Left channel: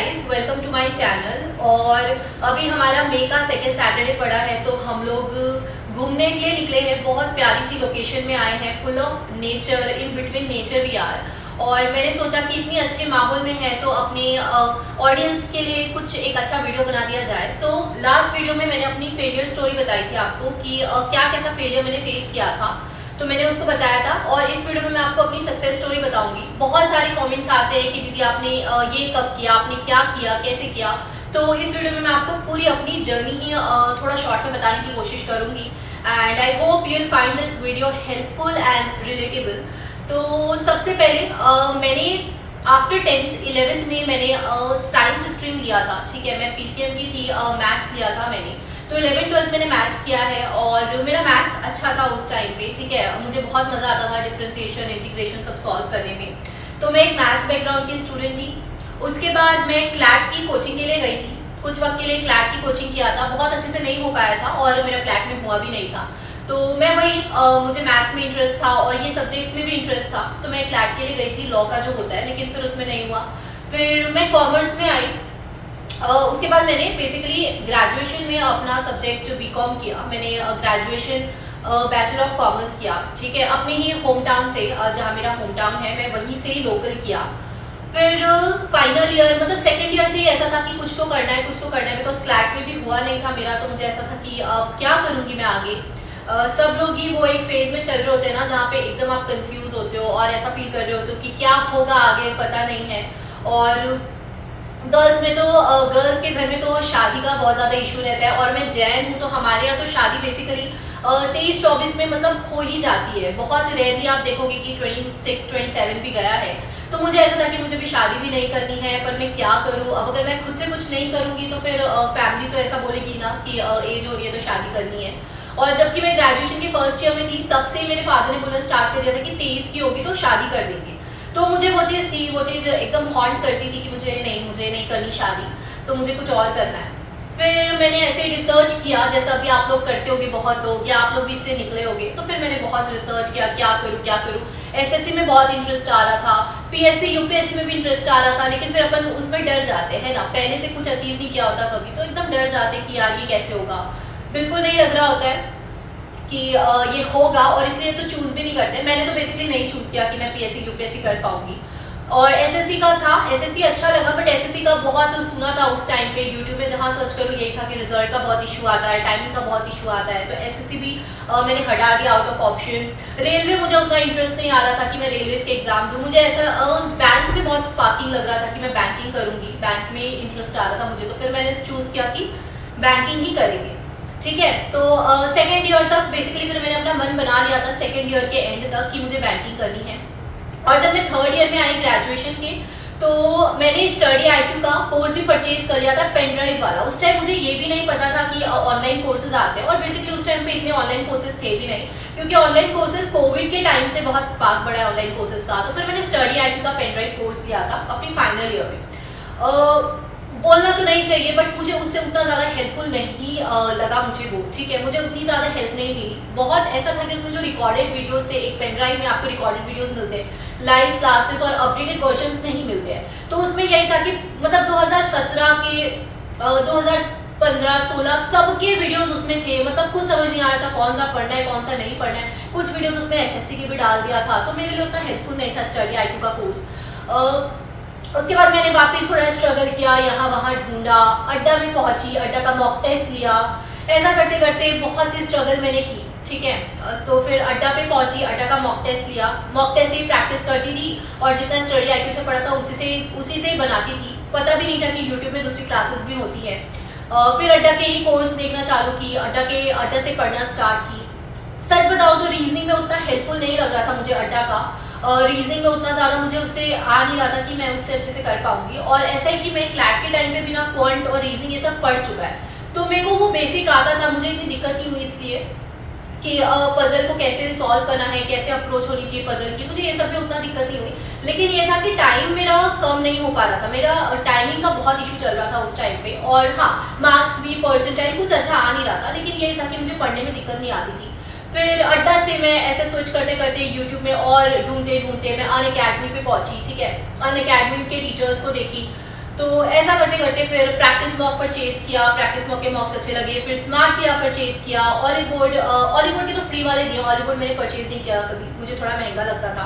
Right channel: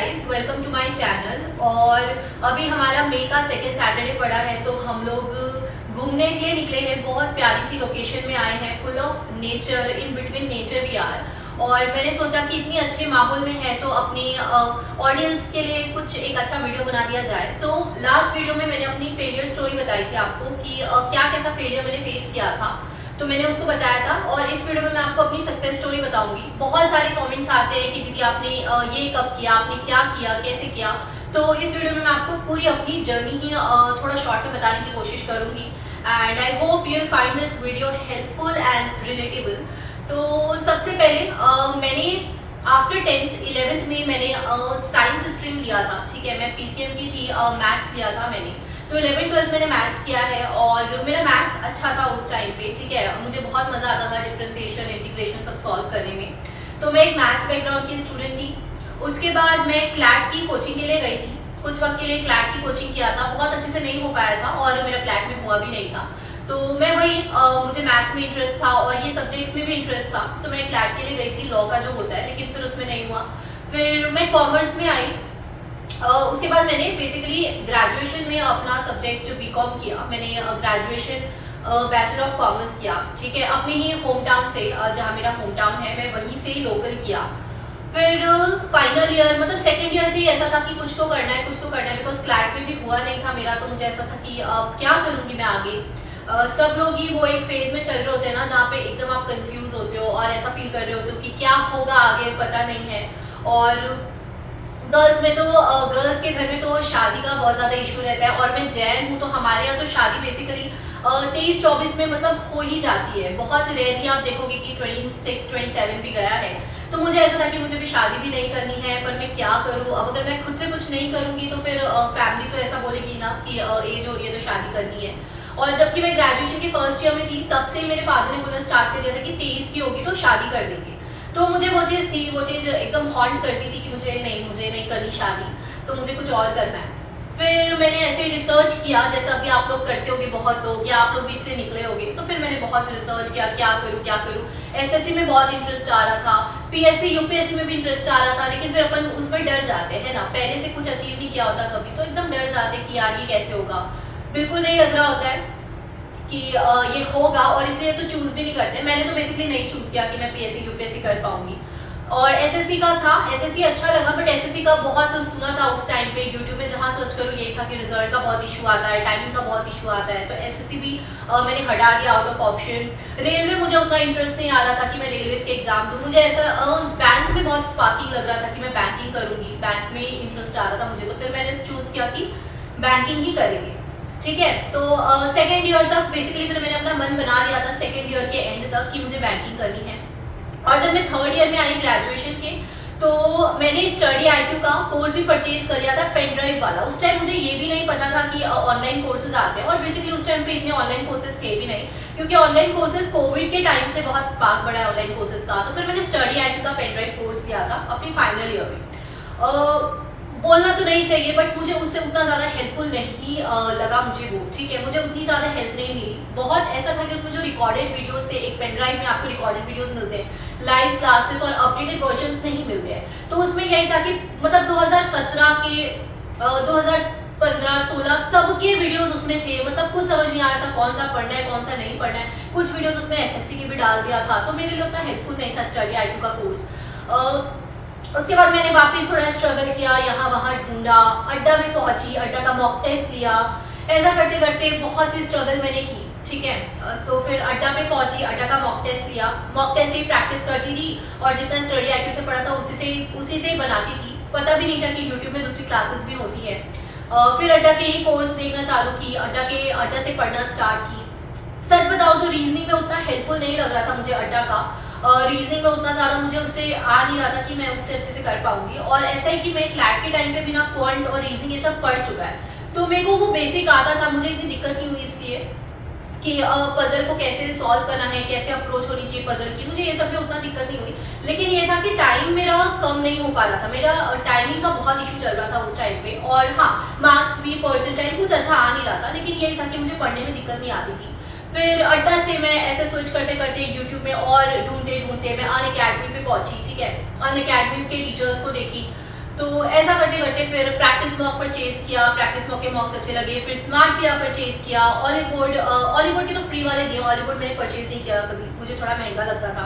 Guys, welcome to my channel. और अभी हमारा मई का सेकेंड सैटरडे पड़ा है, तो हम लोग घूमने के लिए निकले हैं। बहुत प्यारी सी लोकेशन में आए हैं, full of nature, in between nature we are. और मैंने सोचा कि इतनी अच्छे माहौल में है तो अपनी ऑडियंस के लिए कुछ एक अच्छा वीडियो बना दिया जाए। तो लास्ट वीडियो में मैंने अपनी फेलियर स्टोरी बताई थी आपको कि क्या कैसा फेलियर मैंने फेस किया था, तो मैंने उसको बताया था। और इस वीडियो में मैं आपको अपनी सक्सेस स्टोरी बताऊंगी। बहुत सारे कमेंट्स आते हैं कि दीदी आपने ये कब किया, आपने क्या किया, कैसे किया। तो इस वीडियो में मैं आपको पूरी अपनी जर्नी ही थोड़ा शॉर्ट में बताने की कोशिश करूंगी। And I hope you will find this video helpful and relatable. तो सबसे पहले मैंने आफ्टर 10th 11th में मैंने साइंस स्ट्रीम लिया था। ठीक है, मैं पीसीएम की थी, मैथ्स लिया था मैंने। तो 11th 12th मैंने मैथ्स किया है और मेरा मैथ्स अच्छा था उस टाइम पे। ठीक है, मुझे बहुत मज़ा आता था डिफरेंशिएशन, इंटीग्रेशन सब सॉल्व करने में। तो मैं एक मैथ्स बैकग्राउंड की स्टूडेंट थी। उसके बाद मैं क्लैट की कोचिंग के लिए गई थी। कुछ वक्त के लिए क्लैट की कोचिंग किया था, बहुत अच्छे से नहीं हो पाया था और मेरा क्लैट में हुआ भी नहीं था। तो मैं वही मुझे मैथ्स में इंटरेस्ट था और ये सब्जेक्ट्स में भी इंटरेस्ट था, तो मैं क्लैट के लिए गई थी, लॉ का जो होता है, लेकिन फिर उसमें नहीं हुआ। फिर मैं कॉमर्स में आई। उसके बाद मैंने बेसिकली ग्रेजुएशन में अपना सब्जेक्ट बीकॉम किया। मैंने ग्रेजुएशन बैचलर ऑफ कॉमर्स किया। ठीक है, अपने ही होम टाउन से, जहाँ मेरा होम टाउन है, मैं वहीं से ही लोकल किया। फिर फाइनल ईयर, मतलब सेकेंड ईयर से ही ऐसा था कि कुछ तो करना है, कुछ तो करना है, बिकॉज क्लैट में भी हुआ नहीं था मेरा। तो मुझे ऐसा था कि क्या करूँगी मैं आगे। सब लोग ही वो एक फेज में चल रहे होते हैं ना, जहाँ पे एकदम आप कंफ्यूज होते हो और ऐसा फील कर रहे होते हो कि क्या होगा आगे, पता नहीं है। और गर्ल्स में तो गर्ल्स के घर में तो शादी का बहुत ज़्यादा इशू रहता है। और मैं जैन हूँ, तो हमारे यहाँ तो शादी बेसिकली 23-24 में मतलब हो ही जाती है। बहुत रेयरली आप देखोगे कि 26-27 भी गया है। तो मुझे ऐसा था कि मुझे भी शादी भी नहीं करनी है, पर मैं क्या करूँ। अब अगर मैं खुद से कुछ नहीं करूँगी तो फिर फैमिली तो ऐसा बोलेगी ना कि एज हो रही है तो शादी करनी है। और जबकि मैं ग्रेजुएशन के फर्स्ट ईयर में थी, तब से मेरे फादर ने बोलना स्टार्ट कर दिया था कि 23 की होगी तो शादी कर देंगे। तो मुझे वो चीज़ थी, वो चीज़ एकदम हॉन्ट करती थी कि मुझे नहीं करनी शादी, तो मुझे कुछ और करना है। फिर मैंने ऐसे रिसर्च किया, जैसा अभी आप लोग करते होगे बहुत लोग, या आप लोग भी इससे निकले होगे। तो फिर मैंने बहुत रिसर्च किया, क्या करूँ। एसएससी में बहुत इंटरेस्ट आ रहा था, पीएससी यूपीएससी में भी इंटरेस्ट आ रहा था, लेकिन फिर अपन उसमें डर जाते हैं ना, पहले से कुछ अचीव नहीं किया होता कभी, तो एकदम डर जाते कि यार ये कैसे होगा। बिल्कुल नहीं लग रहा होता है कि ये होगा, और इसलिए तो चूज़ भी नहीं करते। मैंने तो बेसिकली नहीं चूज़ किया कि मैं पीएससी यूपीएससी कर पाऊंगी। और एसएससी का था, एसएससी अच्छा लगा, बट एसएससी का बहुत सुना था उस टाइम पे। यूट्यूब में जहाँ सर्च करूँ यही था कि रिजल्ट का बहुत इशू आता है, टाइमिंग का बहुत इशू आता है। तो एसएससी भी मैंने हटा दिया आउट ऑफ ऑप्शन। रेलवे मुझे उतना इंटरेस्ट नहीं आ रहा था कि मैं रेलवे के एग्जाम दूँ। मुझे ऐसा बैंक में बहुत स्पार्किंग लग रहा था कि मैं बैंकिंग करूँगी, बैंक में इंटरेस्ट आ रहा था मुझे। तो फिर मैंने चूज़ किया कि बैंकिंग ही करेंगे। ठीक है, तो सेकेंड ईयर तक बेसिकली फिर मैंने अपना मन बना लिया था, सेकेंड ईयर के एंड तक, कि मुझे बैंकिंग करनी है। और जब मैं थर्ड ईयर में आई ग्रेजुएशन के, तो मैंने स्टडी आईक्यू का कोर्स भी परचेज कर लिया था, पेन ड्राइव वाला। उस टाइम मुझे ये भी नहीं पता था कि ऑनलाइन कोर्सेज आते हैं, और बेसिकली उस टाइम पे इतने ऑनलाइन कोर्सेज थे भी नहीं, क्योंकि ऑनलाइन कोर्सेज कोविड के टाइम से बहुत स्पार्क बढ़ा है ऑनलाइन कोर्सेज का। तो फिर मैंने स्टडी आईक्यू का पेन ड्राइव कोर्स लिया था अपनी फाइनल ईयर में। बोलना तो नहीं चाहिए, बट मुझे उससे उतना ज़्यादा हेल्पफुल नहीं लगा मुझे वो। ठीक है, मुझे उतनी ज़्यादा हेल्प नहीं मिली। बहुत ऐसा था कि उसमें जो रिकॉर्डेड वीडियोस थे, एक पेन ड्राइव में आपको रिकॉर्डेड वीडियोस मिलते हैं, लाइव क्लासेस और अपडेटेड वर्जन्स नहीं मिलते हैं। तो उसमें यही था कि मतलब 2017 के 2015-16 सबके वीडियोस उसमें थे। मतलब कुछ समझ नहीं आ रहा था कौन सा पढ़ना है, कौन सा नहीं पढ़ना है। कुछ वीडियोस उसमें एसएससी के भी डाल दिया था, तो मेरे लिए उतना हेल्पफुल नहीं था स्टडी आईक्यू का कोर्स। उसके बाद मैंने वापस थोड़ा स्ट्रगल किया, यहाँ वहाँ ढूंढा, अड्डा में पहुंची, अड्डा का मॉक टेस्ट लिया। ऐसा करते करते बहुत सी स्ट्रगल मैंने की। ठीक है, तो फिर अड्डा पे पहुंची, अड्डा का मॉक टेस्ट लिया। मॉक टेस्ट से ही प्रैक्टिस करती थी और जितना स्टडी आईक्यू से पढ़ा था उसी से ही बनाती थी। पता भी नहीं था कि यूट्यूब में दूसरी क्लासेस भी होती है। फिर अड्डा के ही कोर्स देखना चालू की, अड्डा से पढ़ना स्टार्ट की। सच बताओ तो रीजनिंग में उतना हेल्पफुल नहीं लग रहा था मुझे अड्डा का। रीजनिंग में उतना ज़्यादा मुझे उससे आ नहीं रहा था कि मैं उससे अच्छे से कर पाऊंगी। और ऐसा ही कि मैं क्लैट के टाइम पे बिना क्वांट और रीजनिंग ये सब पढ़ चुका है, तो मेरे को वो बेसिक आता था। मुझे इतनी दिक्कत नहीं हुई इसलिए कि पजल को कैसे सॉल्व करना है, कैसे अप्रोच होनी चाहिए पजल की, मुझे ये सब में उतना दिक्कत नहीं हुई। लेकिन ये था कि टाइम मेरा कम नहीं हो पा रहा था, मेरा टाइमिंग का बहुत इशू चल रहा था उस टाइम पे। और हाँ, मार्क्स भी, परसेंटाइल कुछ अच्छा आ नहीं रहा था, लेकिन यही था कि मुझे पढ़ने में दिक्कत नहीं आती थी। फिर अड्डा से मैं ऐसे स्विच करते करते यूट्यूब में और ढूंढते ढूंढते मैं अनअकैडमी पे पहुंची। ठीक है, अनअकैडमी के टीचर्स को देखी, तो ऐसा करते करते फिर प्रैक्टिस मॉक परचेज किया, प्रैक्टिस मॉक के मॉक्स अच्छे लगे, फिर स्मार्ट किया परचेज किया, ऑलीवुड के तो फ्री वाले दिए, ऑलीवुड मैंने परचेज नहीं किया कभी, मुझे थोड़ा महंगा लगता था।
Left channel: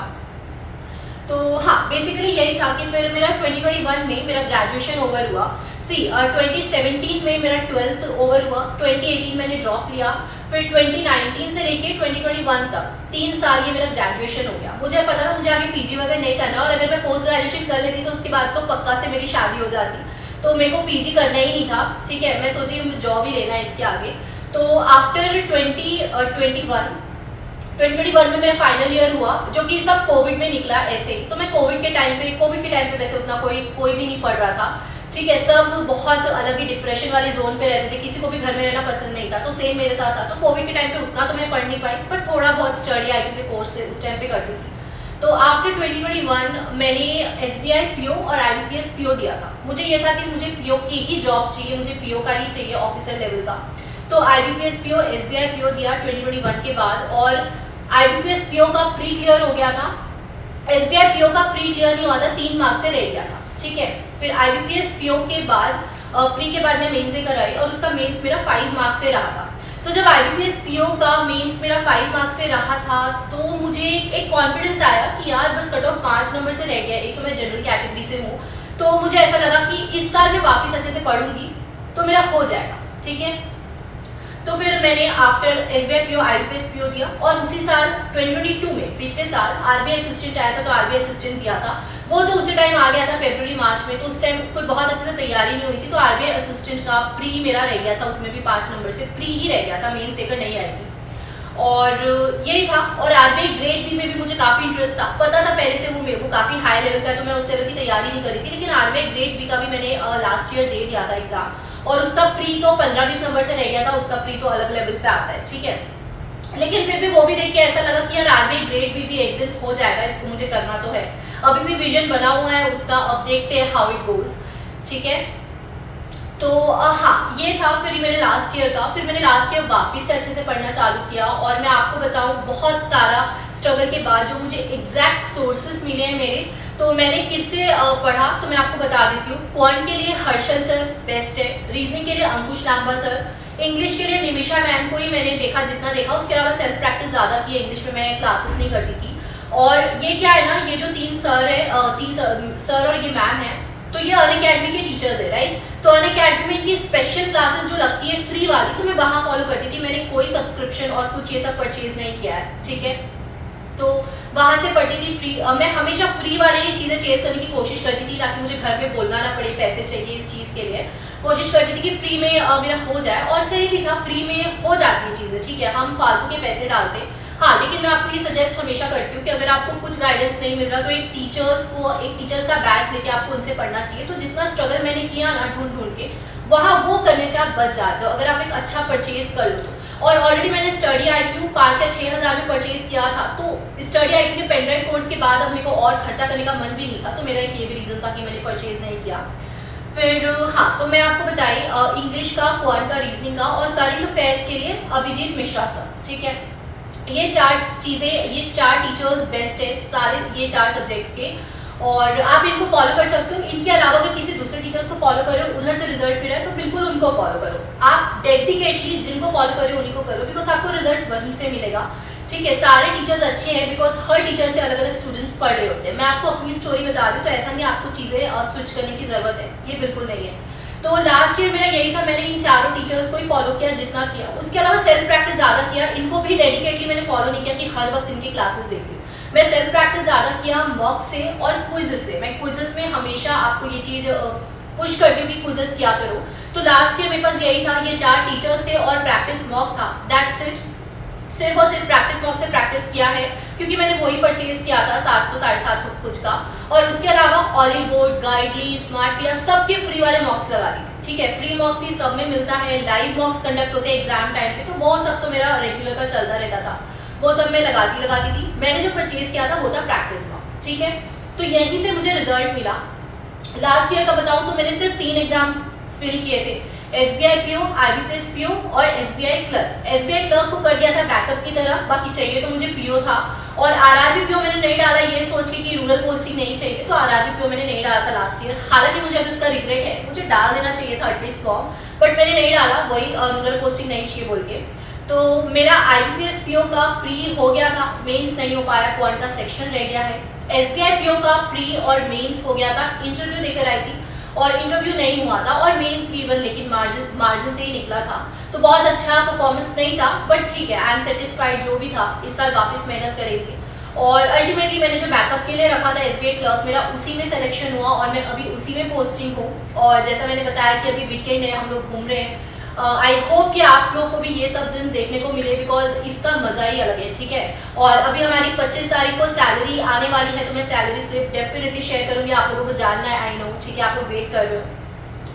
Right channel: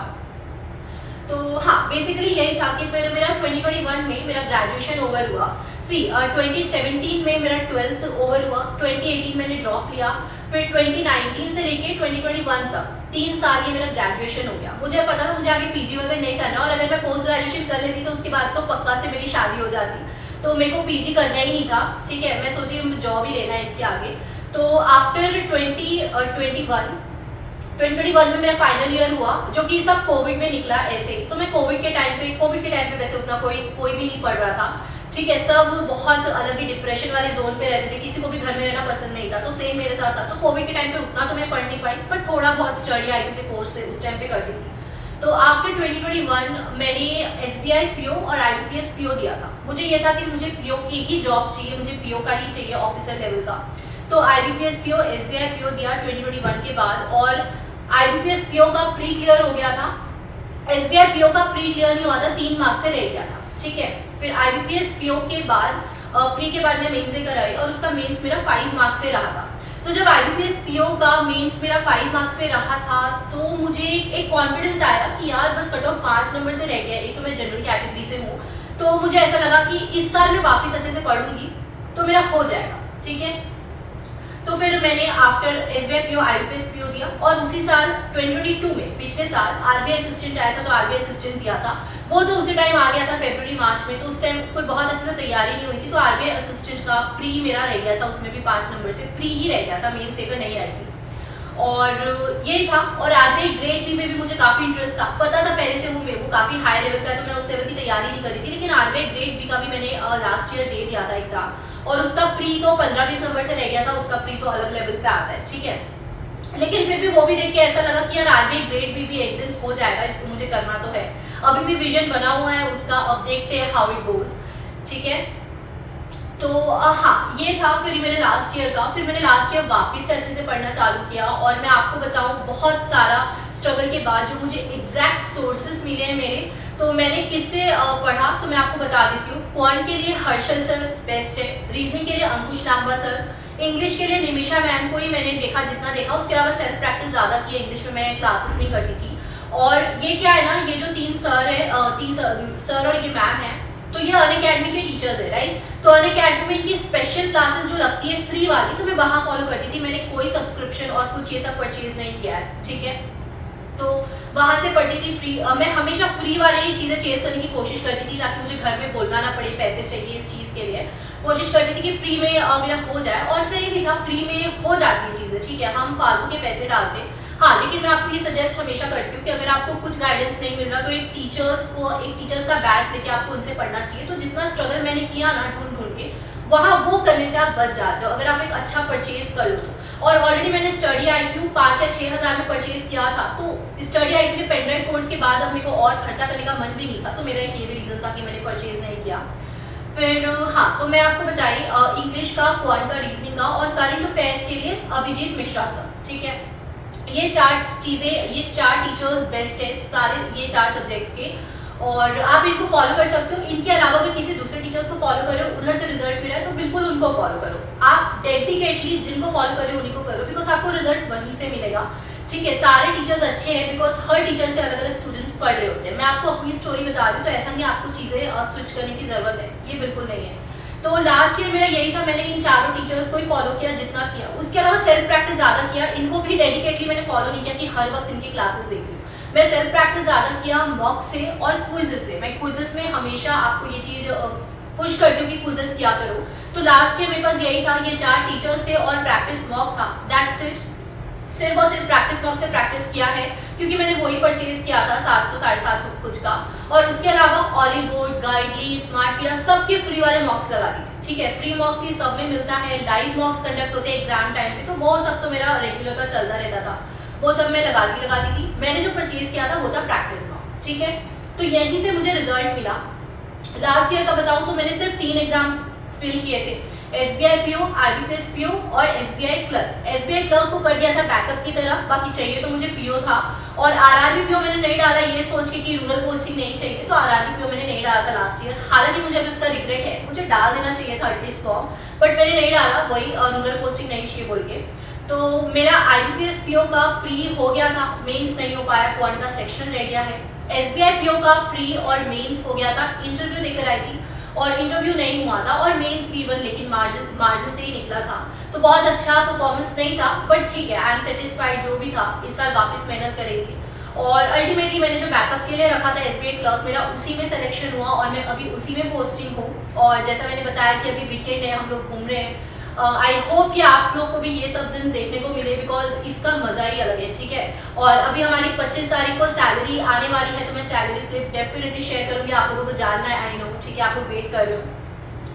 तो हाँ, बेसिकली यही था कि फिर मेरा 2021 में मेरा ग्रेजुएशन ओवर हुआ। 2017 में मेरा 12th ओवर हुआ, 2018 मैंने ड्रॉप लिया, फिर 2019 से लेके 2021 तक 3 साल ये मेरा ग्रेजुएशन हो गया। मुझे पता था मुझे आगे पीजी वगैरह नहीं करना, और अगर मैं पोस्ट ग्रेजुएशन कर लेती तो उसके बाद तो पक्का से मेरी शादी हो जाती, तो मेरे को पीजी करना ही नहीं था। ठीक है, मैं सोची जॉब ही लेना है इसके आगे। तो आफ्टर 2021 में मेरा फाइनल ईयर हुआ, जो कि सब कोविड में निकला ऐसे। तो मैं कोविड के टाइम पे वैसे उतना कोई भी नहीं पढ़ रहा था। ठीक है, सब बहुत अलग ही डिप्रेशन वाले जोन पे रहते थे, किसी को भी घर में रहना पसंद नहीं था, तो सेम मेरे साथ था। तो कोविड के टाइम पे उतना तो मैं पढ़ नहीं पाई, पर थोड़ा बहुत स्टडी IQ के कोर्स से उस टाइम पे करती थी। तो आफ्टर 2021 मैंने SBI PO और IBPS PO दिया था। मुझे ये था कि मुझे PO की ही जॉब चाहिए, मुझे PO का ही चाहिए, ऑफिसर लेवल का। तो IBPS PO SBI PO दिया 2021 के बाद, और IBPS PO का प्री क्लियर हो गया था। SBI PO का प्री क्लियर नहीं हुआ था, 3 मार्क्स से रह गया था। ठीक है, फिर IBPS PO के बाद प्री के बाद मैं मेंस कराई, और उसका मेंस मेरा 5 मार्क्स से रहा था। तो जब IBPS PO का मेंस मेरा 5 मार्क्स से रहा था, तो मुझे एक कॉन्फिडेंस आया कि यार बस कट ऑफ 5 नंबर से रह गया। एक तो मैं जनरल कैटेगरी से हूँ, तो मुझे ऐसा लगा कि इस साल मैं वापस अच्छे से पढ़ूंगी तो मेरा हो जाएगा। ठीक है, तो फिर मैंने after SBI PO IBPS PO दिया, और उसी साल 2022 में, पिछले साल RBI असिस्टेंट आया था, तो RBI असिस्टेंट दिया था। वो तो उसी टाइम आ गया था, फरवरी मार्च में, तो उस टाइम कोई बहुत अच्छे से तैयारी नहीं हुई थी, तो RBI असिस्टेंट का प्री मेरा रह गया था, उसमें भी 5 नंबर से प्री ही रह गया था, मेंस देकर नहीं आई थी। और यही था। और RBI ग्रेड बी में भी मुझे काफ़ी इंटरेस्ट था, पता था पहले से वो काफ़ी हाई लेवल का है, तो मैं उस लेवल की तैयारी नहीं करी थी। लेकिन RBI ग्रेड बी का भी मैंने लास्ट ईयर दे दिया था एग्जाम, और उसका प्री तो 15-20 नंबर से रह गया था, उसका प्री तो अलग लेवल पे आता है। ठीक है, लेकिन फिर भी वो भी देख के ऐसा लगा कि यार RBI ग्रेड बी भी एक दिन हो जाएगा, इसको मुझे करना तो है। अभी भी विजन बना हुआ है उसका, अब देखते हैं हाउ इट गोज। ठीक है, तो हाँ, ये था फिर मैंने लास्ट ईयर का। फिर मैंने लास्ट ईयर वापस से अच्छे से पढ़ना चालू किया, और मैं आपको बताऊं बहुत सारा स्ट्रगल के बाद जो मुझे एग्जैक्ट सोर्सेज मिले हैं मेरे, तो मैंने किससे पढ़ा तो मैं आपको बता देती हूँ। क्वांट के लिए हर्षल सर बेस्ट है, रीजनिंग के लिए अंकुश लांबा सर, इंग्लिश के लिए निमिषा मैम को ही मैंने देखा जितना देखा, उसके अलावा सेल्फ प्रैक्टिस ज़्यादा की है, इंग्लिश में मैं क्लासेस नहीं करती थी। और ये क्या है ना, ये जो 3 सर है, 3 सर और ये मैम है, तो ये अनअकैडमी के टीचर्स है, राइट। तो अनअकैडमी की स्पेशल क्लासेस जो लगती है फ्री वाली, तो मैं वहाँ फॉलो करती थी। मैंने कोई सब्सक्रिप्शन और कुछ ये सब परचेज नहीं किया है। ठीक है, तो वहाँ से पढ़ती थी फ्री। मैं हमेशा फ्री वाले ही चीज़ें चेज करने की कोशिश करती थी, ताकि मुझे घर में बोलना ना पड़े, पैसे चाहिए इस चीज़ के लिए। कोशिश करती थी कि फ्री में मेरा हो जाए, और सही भी था, फ्री में हो जाती है चीज़ें। ठीक है, हम फालतू के पैसे डालते हैं। हाँ, लेकिन मैं आपको ये सजेस्ट हमेशा करती हूँ कि अगर आपको कुछ गाइडेंस नहीं मिल रहा, तो एक टीचर्स का बैच लेके आपको उनसे पढ़ना चाहिए। तो जितना स्ट्रगल मैंने किया ना ढूंढ के, वहाँ वो करने से आप बच जाते हो, अगर आप एक अच्छा परचेज कर लो तो। और ऑलरेडी मैंने स्टडी IQ 5 या 6 हज़ार में परचेज किया था, तो स्टडी IQ के पेन ड्राइव कोर्स के बाद अब मेरे को और खर्चा करने का मन भी नहीं था, तो मेरा एक ये भी रीज़न था कि मैंने परचेज नहीं किया। फिर हाँ, तो मैं आपको बताई इंग्लिश का, क्वांट का, रीजनिंग का, और करंट अफेयर्स के लिए अभिजीत मिश्रा सर। ठीक है, ये 4 चीज़ें, ये 4 टीचर्स बेस्ट है सारे, ये 4 सब्जेक्ट्स के, और आप इनको फॉलो कर सकते हो। इनके अलावा अगर किसी दूसरे टीचर्स को फॉलो करो, उधर से रिजल्ट मिला है, तो बिल्कुल उनको फॉलो करो। आप डेडिकेटली जिनको फॉलो करो उन्हीं को करो, बिकॉज आपको रिजल्ट वहीं से मिलेगा। ठीक है, सारे टीचर्स अच्छे हैं, बिकॉज हर टीचर से अलग अलग स्टूडेंट्स पढ़ रहे होते हैं। मैं आपको अपनी स्टोरी बता रही हूँ, तो ऐसा नहीं आपको चीज़ें स्विच करने की ज़रूरत है, ये बिल्कुल नहीं है। तो लास्ट ईयर मेरा यही था, मैंने इन 4 टीचर्स को ही फॉलो किया जितना किया। उसके अलावा सेल्फ प्रैक्टिस ज़्यादा किया, इनको भी डेडिकेटली मैंने फॉलो नहीं किया कि हर वक्त इनकी क्लासेस देख रही हूँ। मैं सेल्फ प्रैक्टिस ज़्यादा किया मॉक से और क्विज़ से। मैं क्विज़ में हमेशा आपको ये चीज़ पुश करती हूँ कि क्विज़ किया करो। तो लास्ट ईयर मेरे पास यही था, ये 4 टीचर्स थे और प्रैक्टिस मॉक था, दैट्स इट। सिर्फ और सिर्फ प्रैक्टिस मॉक से प्रैक्टिस किया है, क्योंकि मैंने वही परचेज किया था 700-750 कुछ का। और उसके अलावा ऑलीवुड, गाइडली, स्मार्ट किया, सबके फ्री वाले मॉक्स लगा दी थी। ठीक है, फ्री मॉक्स ही सब में मिलता है, लाइव मॉक्स कंडक्ट होते हैं एग्जाम टाइम पे, तो वो सब तो मेरा रेगुलर का चलता रहता था, वो सब मैं लगाती थी। मैंने जो परचेज किया था वो था प्रैक्टिस मॉक। ठीक है, तो यहीं से मुझे रिजल्ट मिला। लास्ट ईयर का बताऊँ तो मैंने सिर्फ 3 एग्जाम्स फिल किए थे, SBI पीओ, IBPS पीओ और SBI क्लर्क। SBI क्लर्क को कर दिया था बैकअप की तरह, बाकी चाहिए तो मुझे पीओ था। और RRB पीओ मैंने नहीं डाला ये सोच के कि रूरल पोस्टिंग नहीं चाहिए, तो RRB पीओ मैंने नहीं डाला था लास्ट ईयर। हालांकि मुझे अभी उसका रिग्रेट है, मुझे डाल देना चाहिए था एटलीस्ट फॉर्म, बट मैंने नहीं डाला, वही रूरल पोस्टिंग नहीं चाहिए बोल के। तो मेरा IBPS पीओ का प्री हो गया था, मेंस नहीं हो पाया, क्वांट का सेक्शन रह गया है। SBI पीओ का प्री और मेंस हो गया था, इंटरव्यू देकर आई थी और इंटरव्यू नहीं हुआ था, और मेंस भी इवन लेकिन मार्जिन से ही निकला था। तो बहुत अच्छा परफॉर्मेंस नहीं था, बट ठीक है, आई एम सेटिस्फाइड जो भी था। इस साल वापस मेहनत करेंगे। और अल्टीमेटली मैंने जो बैकअप के लिए रखा था SBI क्लर्क, मेरा उसी में सिलेक्शन हुआ और मैं अभी उसी में पोस्टिंग हूँ। और जैसा मैंने बताया कि अभी वीकेंड है, हम लोग घूम रहे हैं। आई होप कि आप लोग को भी ये सब दिन देखने को मिले, बिकॉज इसका मजा ही अलग है, ठीक है। और अभी हमारी 25 तारीख को सैलरी आने वाली है, तो मैं सैलरी स्लिप डेफिनेटली शेयर करूंगी, आप लोगों को जानना है, आई नो, ठीक है, आप लोग वेट कर रहे हो।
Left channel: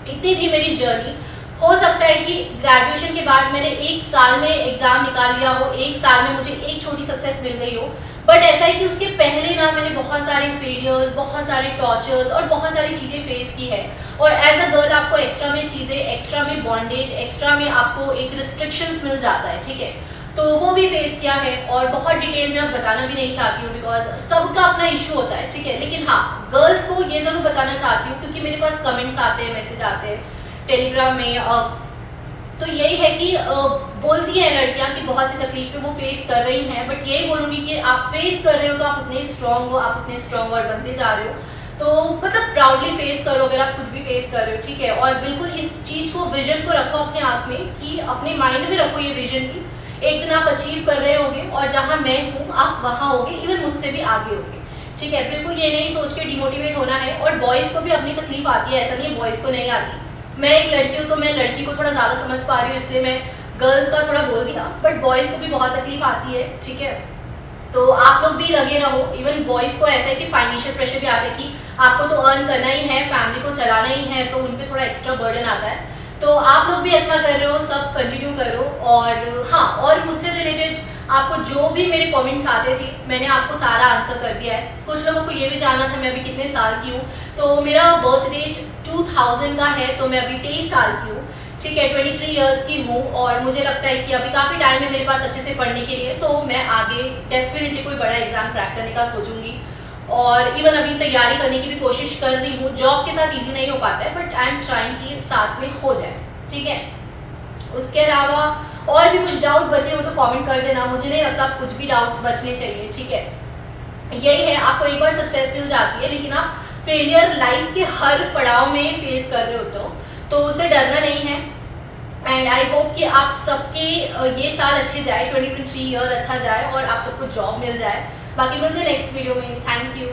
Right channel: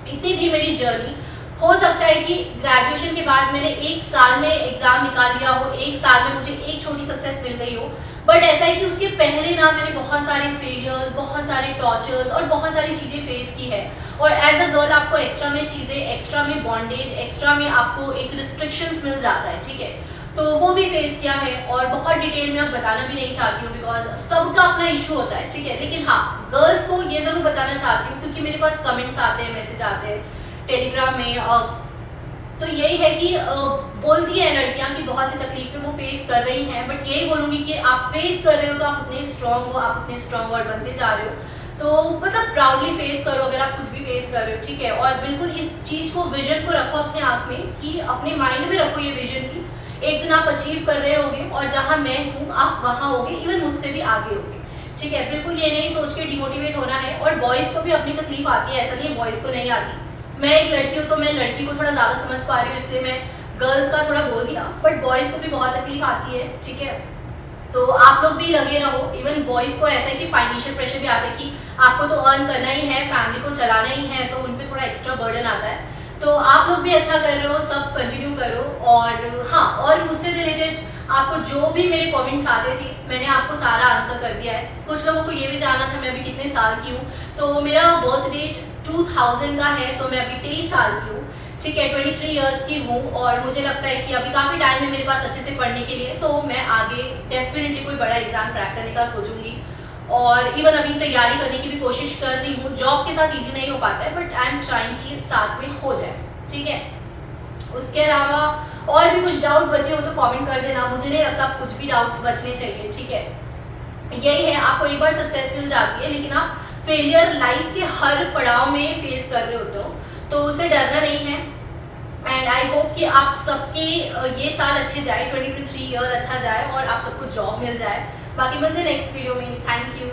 इतनी थी मेरी जर्नी। हो सकता है कि ग्रेजुएशन के बाद मैंने 1 साल में एग्जाम निकाल लिया हो, 1 साल में मुझे एक छोटी सक्सेस मिल गई हो, बट ऐसा है कि उसके पहले ना मैंने बहुत सारे फेलियर्स, बहुत सारे टॉर्चर्स और बहुत सारी चीज़ें फेस की है। और एज अ गर्ल आपको एक्स्ट्रा में चीज़ें, एक्स्ट्रा में बॉन्डेज, एक्स्ट्रा में आपको एक रिस्ट्रिक्शंस मिल जाता है, ठीक है। तो वो भी फेस किया है और बहुत डिटेल में अब बताना भी नहीं चाहती हूँ, बिकॉज सबका अपना इशू होता है, ठीक है। लेकिन हाँ, गर्ल्स को ये ज़रूर बताना चाहती हूँ, क्योंकि मेरे पास कमेंट्स आते हैं, मैसेज आते हैं टेलीग्राम में, तो यही है कि बोलती है लड़कियां कि बहुत सी तकलीफें वो फेस कर रही हैं, बट यही बोलूँगी कि आप फेस कर रहे हो तो आप उतने स्ट्रांग हो, आप उतने स्ट्रांग और बनते जा रहे हो। तो मतलब प्राउडली फेस करो अगर आप कुछ भी फेस कर रहे हो, ठीक है। और बिल्कुल इस चीज़ को, विजन को रखो अपने आप में, कि अपने माइंड में रखो ये विजन की एक दिन आप अचीव कर रहे होगे, और जहाँ मैं हूँ आप वहाँ होगे, इवन मुझसे भी आगे होगे, ठीक है। बिल्कुल ये नहीं सोच के डिमोटिवेट होना है। और बॉयज़ को भी अपनी तकलीफ आती है, ऐसा नहीं है बॉयज़ को नहीं आती। मैं एक लड़की हूँ तो मैं लड़की को थोड़ा ज़्यादा समझ पा रही हूँ, इसलिए मैं गर्ल्स का थोड़ा बोल दिया, बट बॉयज़ को भी बहुत तकलीफ आती है, ठीक है। तो आप लोग भी लगे रहो। इवन बॉयज़ को ऐसा है कि फाइनेंशियल प्रेशर भी आता है कि आपको तो अर्न करना ही है, फैमिली को चलाना ही है, तो उन पर थोड़ा एक्स्ट्रा बर्डन आता है। तो आप लोग भी अच्छा कर रहे हो, सब कंटिन्यू करो। और हाँ, और मुझसे रिलेटेड आपको जो भी मेरे कमेंट्स आते थे, मैंने आपको सारा आंसर कर दिया है। कुछ लोगों को ये भी जानना था मैं अभी कितने साल की हूँ, तो मेरा बर्थ डेट 2000 का है, तो मैं अभी 23 साल की हूँ, ठीक है, 23 ईयर्स की हूँ। और मुझे लगता है कि अभी काफ़ी टाइम है मेरे पास अच्छे से पढ़ने के लिए, तो मैं आगे डेफिनेटली कोई बड़ा एग्जाम क्रैक करने का सोचूंगी। और इवन अभी तैयारी करने की भी कोशिश कर रही हूँ। जॉब के साथ इजी नहीं हो पाता है, बट आई एम ट्राइंग कि साथ में हो जाए, ठीक है। उसके अलावा और भी कुछ डाउट बचे हो तो कमेंट कर देना, मुझे नहीं लगता कुछ भी डाउट्स बचने चाहिए, ठीक है। यही है, आपको एक बार सक्सेस मिल जाती है, लेकिन आप फेलियर लाइफ के हर पड़ाव में फेस कर रहे होते हो, तो उससे डरना नहीं है। एंड आई होप कि आप सबके ये साल अच्छे जाए, 2023 ईयर अच्छा जाए और आप सबको जॉब मिल जाए। बाकी मिलते हैं नेक्स्ट वीडियो में। Thank you.